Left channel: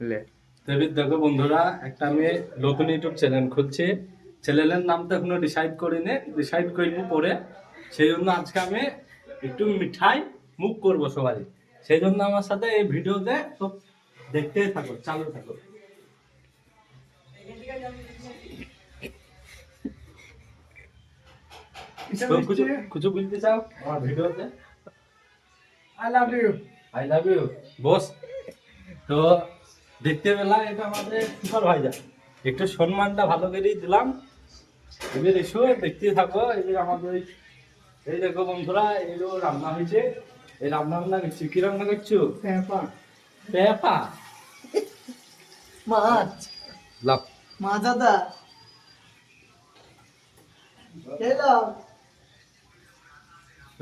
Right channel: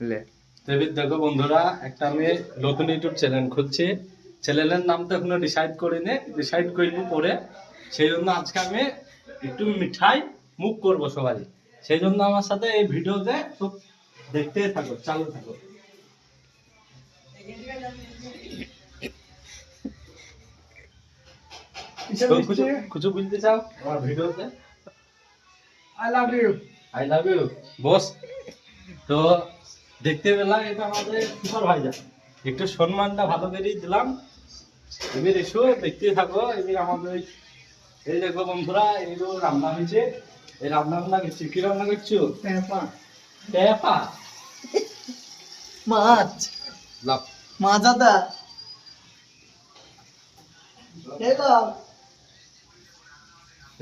লে দেখো বন্ধুরা, একটা আমি নতুন ইউটিউব চ্যানেল খুলছি। চ্যানেলের নাম তো এখনো ডিসাইড করবো পরে। সেই জন্য আজকে আমি একটু মিঠাই মুখ করবো সবাই। সেই জন্য আমার সাথে এই ভিডিওতে সব দেখতে থাকো, চালু থাকো। তো কিছু বলতে চাও আমার ভিডিওতে? I love you boss. তো দেখতে পেলাম এটা আমাদের সুপারভাইজার, একটু সম্মানটা ভালো করেই দিলাম। এবার এসো দেখতে থাকো। এবার আমাদের এই দেখো বন্ধুরা, এগুলো রান্না হয়েছে। এই রান্না করছি, কি রান্না করছো? পেঁপা মাছ লাভ। মাছ আদা এলো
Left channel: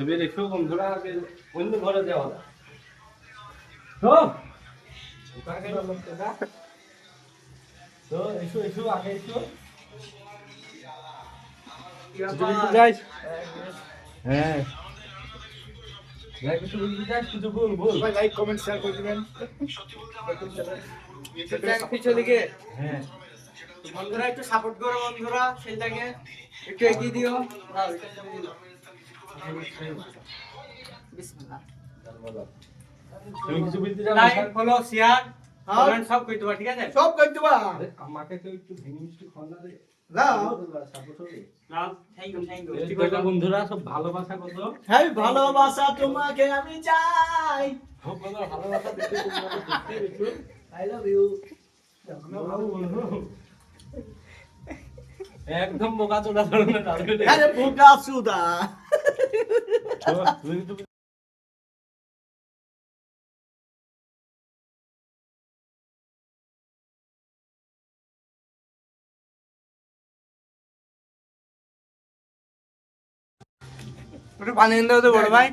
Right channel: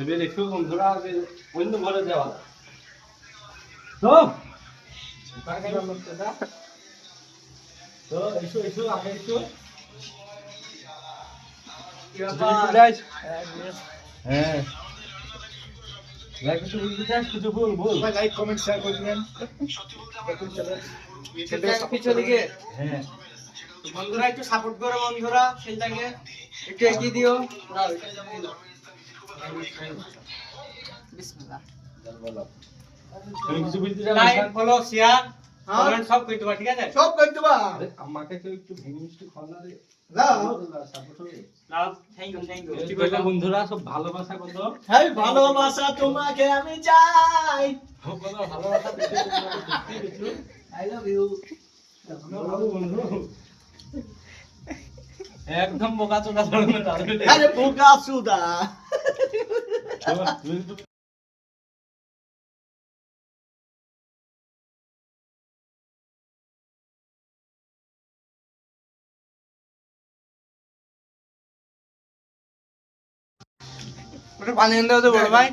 এবার এসো বন্ধুরা, অন্য ঘরে যাওয়া তো তো এসো এসো আগে এসো। হ্যাঁ, কিছু বলতে চাস? কিছু বল বল। লাইক কমেন্ট শেয়ার করে দিবেন হ্যাঁ, বন্ধুরা একটু সাপোর্ট করো বন্ধুরা সেলটাকে একটু এগিয়ে দিও বিসমিল্লাহ তুমি কিছু বলতে চাও? লাইক ফলো শেয়ার কমেন্ট সব কইতে পার ঠিক আছে সব কইতে পার আরে আমাকে কেউ একটু ভেঙে মিষ্টি খাওয়া রে। দাও সাপোর্ট হবে। নাও থ্যাংক ইউ ঠিক আছে বন্ধুরা, সব ভালোবাসা কত। হেই ভালোবাসা তোমাকে আমি চাই কত ভালোবাসা দিতে দেখতে একটু। আই লাভ ইউ আমরা ভালো বন্ধু। একদম বোকা চোদা ধরনের ডালবে। আরে বোকা সুদা ওটা পানি এনে দাও তো বড় ভাই